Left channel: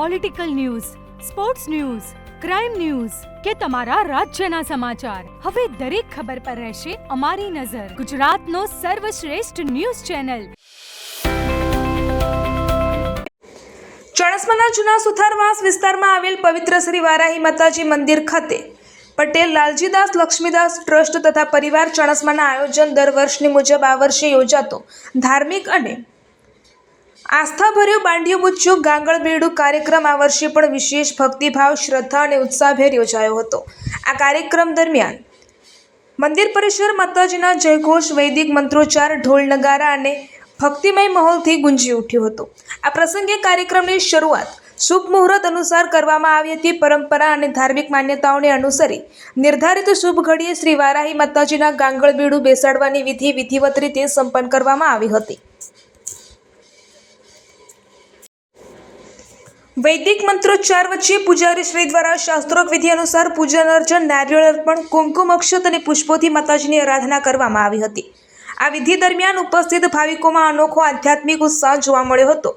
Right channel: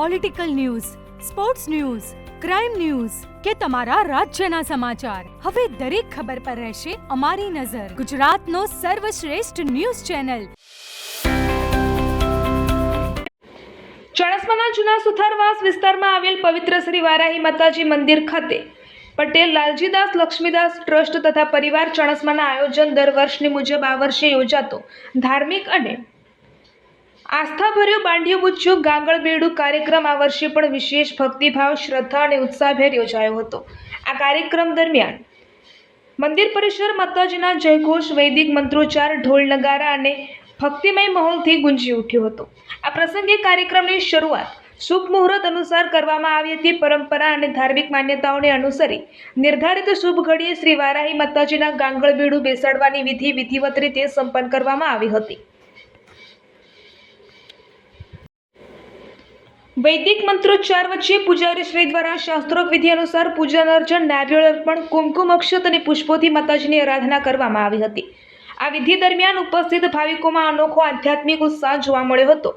Political news, sports news, crime news કે તમારા રાજ્યના સમાચાર, હવે દરેક ખબર પર રહેશે અમારી નજર. ગુજરાતનો સર્વશ્રેષ્ઠ ન્યૂઝ ચેનલ. ચાણસ્માના જૂના સુથારવાસ વિસ્તારમાં આવેલ પવિત્ર શ્રી વારાહી માતાજી મંદિર ખાતે પટેલ લાલજીદાસ લક્ષ્મીદાસ ટ્રસ્ટ તથા પરિવાર ચાણસ્માના આયોજન દર વર્ષની મુજબ આ વર્ષે યોજાતો ધાર્મિક અને આસ્થાભર્યો બાંડિયું બુચ્ચું ગાંગળબેડું કાર્યક્રમ આ વર્ષે પણ વિશેષ ભક્તિભાવ, શ્રદ્ધા અને ઉત્સાહભેર યોજાયો હતો. આ કાર્યક્રમ દરમિયાન મંદિર પરિસર માતાજીના જયઘોષ, વૈદિક મંત્રોચ્ચાર, ઢોલ નગારા અને ભક્તિમય માહોલથી ગુંજી ઉઠ્યો હતો. આ પ્રસંગે કાર્યક્રમની શરૂઆત શુભ મુહૂર્ત અનુસાર કરવામાં આવી હતી. પરંપરા અને ધાર્મિક માન્યતાઓને અનુસરી નિર્ધારિત શુભ ઘડીએ શ્રી વારાહી માતાજીના ગાંગળબેડું બેસાડવાની વિધિ વિધિવત રીતે સંપન્ન કરવામાં આવી હતી. વૈદિક મંત્રોચ્ચાર વચ્ચે પૂજારી શ્રી દ્વારા શાસ્ત્રોક્ત વિધિ અનુસાર પૂજન અર્ચન, નારિયેળ અર્પણ, કુમકુમ અક્ષત અને પુષ્પોથી માતાજીની આરાધના કરવામાં આવી હતી. આ વિધિ દરમિયાન ઉપસ્થિત ભાવિકોમાં અનોખો આધ્યાત્મિક ઉત્સાહ જોવા મળ્યો હતો.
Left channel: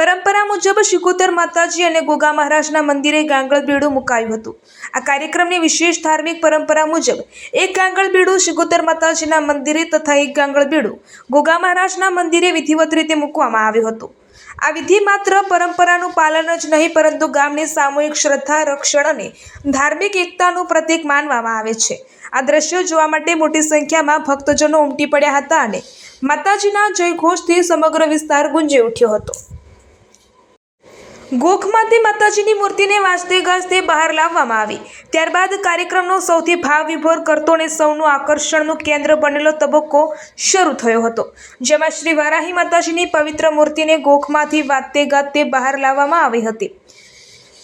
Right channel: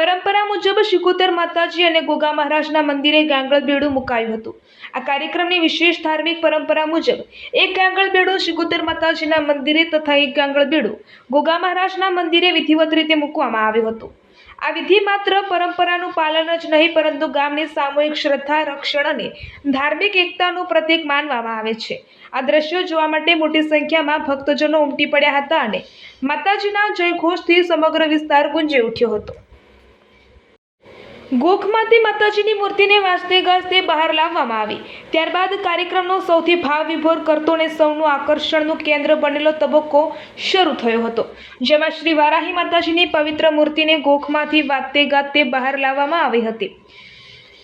પરંપરા મુજબ શિકોતર માતાજી અને ગોગા મહારાજના મંદિરે ગાંગળબેડું મુકાયું હતું. આ કાર્યક્રમની વિશેષ ધાર્મિક પરંપરા મુજબ એક ગાંગળબેડું શિકોતર માતાજીના મંદિરે તથા એક ગાંગળબેડું ગોગા મહારાજના મંદિરે વિધિવત રીતે મૂકવામાં આવ્યું હતું. આ વિધિ માત્ર પરંપરાનું પાલન જ નહીં પરંતુ ગામની સામૂહિક શ્રદ્ધા, રક્ષણ અને ધાર્મિક એકતાનું પ્રતીક માનવામાં આવે છે. આ દ્રશ્યો જોવા માટે મોટી સંખ્યામાં ભક્તજનો ઉમટી પડ્યા હતા અને માતાજીના જયઘોષથી સમગ્ર વિસ્તાર ગુંજી ઉઠ્યો હતો. ગોખમાંથી માતાજીની મૂર્તિને વાજતે ગાજતે બહાર લાવવામાં આવી. ત્યારબાદ કાર્યક્રમનો સૌથી ભાવ વિભોર કરતો અને સૌનું આકર્ષણનું કેન્દ્ર બનેલો તબક્કો શરૂ થયો હતો, જેમાં શ્રી વારાહી માતાજીની પવિત્ર મૂર્તિને ગોખમાંથી વાજતે ગાજતે બહાર લાવવામાં આવી હતી.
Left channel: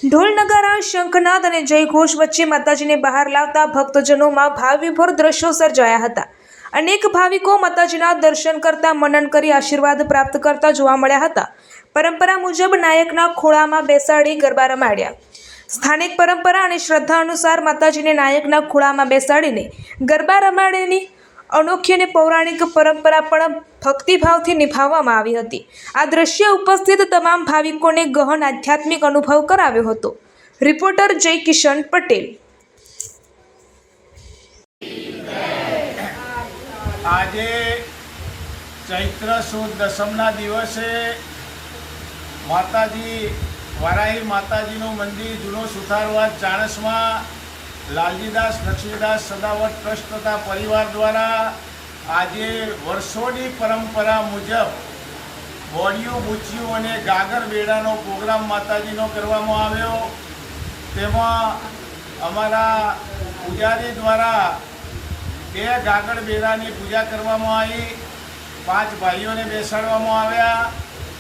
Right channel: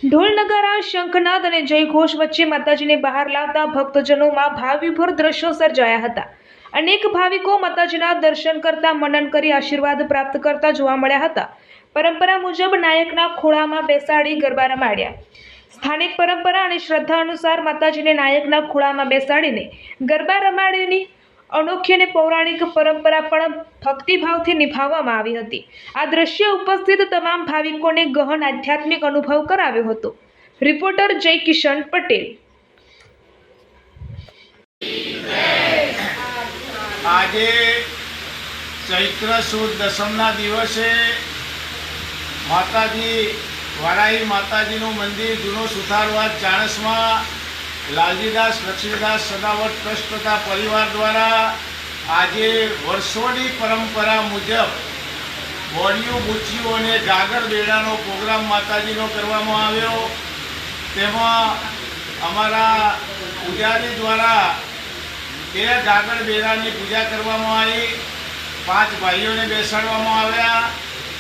ઢોલ નગારા, શંખનાદ અને જયઘોષ વચ્ચે માતાજીને બહાર લાવતા ભક્તજનોમાં ભાવ વિભોર દ્રશ્યો સર્જાયા હતા. અનેક ભાવિકો માતાજીના દર્શન કરતા, મનન કરી આશીર્વાદ પ્રાપ્ત કરતા જોવા મળ્યા હતા. પરંપરા મુજબ નાયકના ખોળામાં બેસાડી ગરબા રમાડ્યા. સ્થાનિક પરંપરા અને શ્રદ્ધા અનુસાર માતાજીને નાયકના ખોળામાં બેસાડીને ગરબા રમાડેની અનોખી અને પૌરાણિક પરંપરા પણ ભક્તિભાવથી નિભાવવામાં આવી હતી. આ દ્રશ્ય ઉપસ્થિત તમામ ભાવિકોને ગહન આધ્યાત્મિક અનુભવ કરાવ્યો હતો. રિપોર્ટર જય કિશન પટેલ. આજે ચૈત્ર સુદ દસમના દિવસે માતાજી વારાહી માતાજીનું મંદિર જૂનો સુથારવાસ ચાણસમાં લાલજીદાસ લક્ષ્મીદાસ સદાવત ટ્રસ્ટ તથા પરિવાર દ્વારા આજે વર્ષોની પરંપરા મુજબ બોડિયું, બુચ્ચિયું અને ગાગર બેડાનો પ્રોગ્રામ માતાજીનો કરવામાં આવ્યો. તેમાં અમારા પૂજારી દ્વારા 2 ગાગર બેડાની પૂજા કરવામાં આવી. 5 ભાઈઓને બેસાડવામાં આવ્યા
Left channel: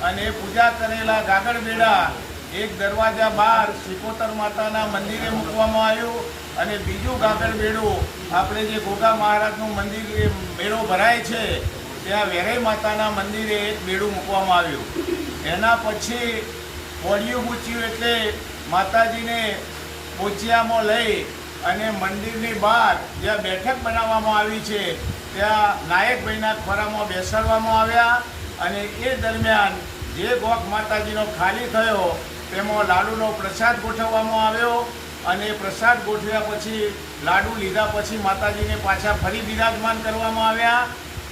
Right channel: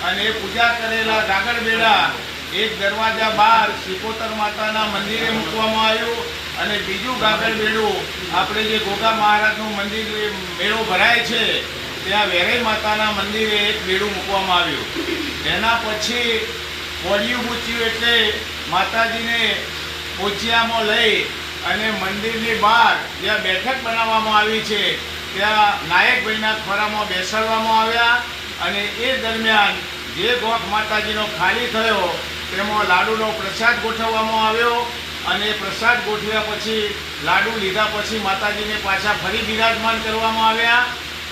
અને પૂજા કરેલા ગાગર બેડા એક દરવાજા બહાર શિકોતર માતાના મંદિરે મૂકવામાં આવ્યું અને બીજું ગાગર બેડું આપણે જે ગોગા મહારાજનું મંદિર મેળો ભરાય છે ત્યાં વેરાઈ માતાના મંદિરે એક બેડું મૂકવામાં આવ્યું. એના પછી બોડિયું બુચ્ચિયું એટલે માતાજીને પોચિયામાં લઈ અને મંદિરની બહાર જ્યાં બેઠક બનાવવામાં આવી છે ત્યાં નાયકભાઈના ખોરામાં બેસાડવામાં આવ્યા અને એ દરમિયાન જે ગોખ માતાજીનો ખાલી થયો તેમાં લાડુનો પ્રસાદ ગોઠવવામાં આવ્યો અને પ્રસાદ ગોઠવ્યા પછી લાડુ લીધા પછી માતાજીને પાછા ફરી બિરાજમાન કરવામાં આવ્યા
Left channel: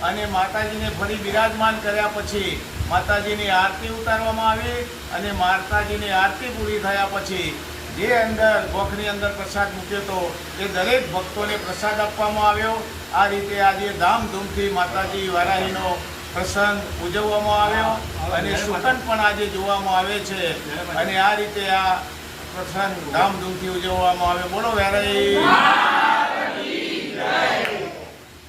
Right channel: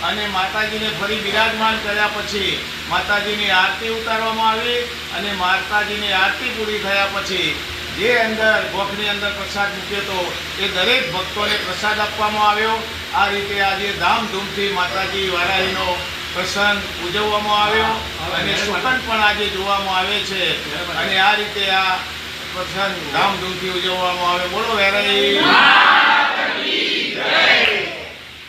અને માતાજીને ફરી બિરાજમાન કર્યા પછી માતાજીની આરતી ઉતારવામાં આવી અને માતાજીની આરતી પૂરી થયા પછી જે અંદર ગોખની અંદર પ્રસાદ મૂક્યો હતો એ દરેક ભક્તોને પ્રસાદ આપવામાં આવ્યો. આ રીતે આજે ધામધૂમથી માતાજી વારાહીનો પ્રસંગ ઉજવવામાં આવ્યો અને સુકન પણ આજે જોવામાં આવે છે અને આ રીતે આ પ્રસંગ ધામધૂમથી ઉજવવામાં આવ્યો. બોલો વારાહી.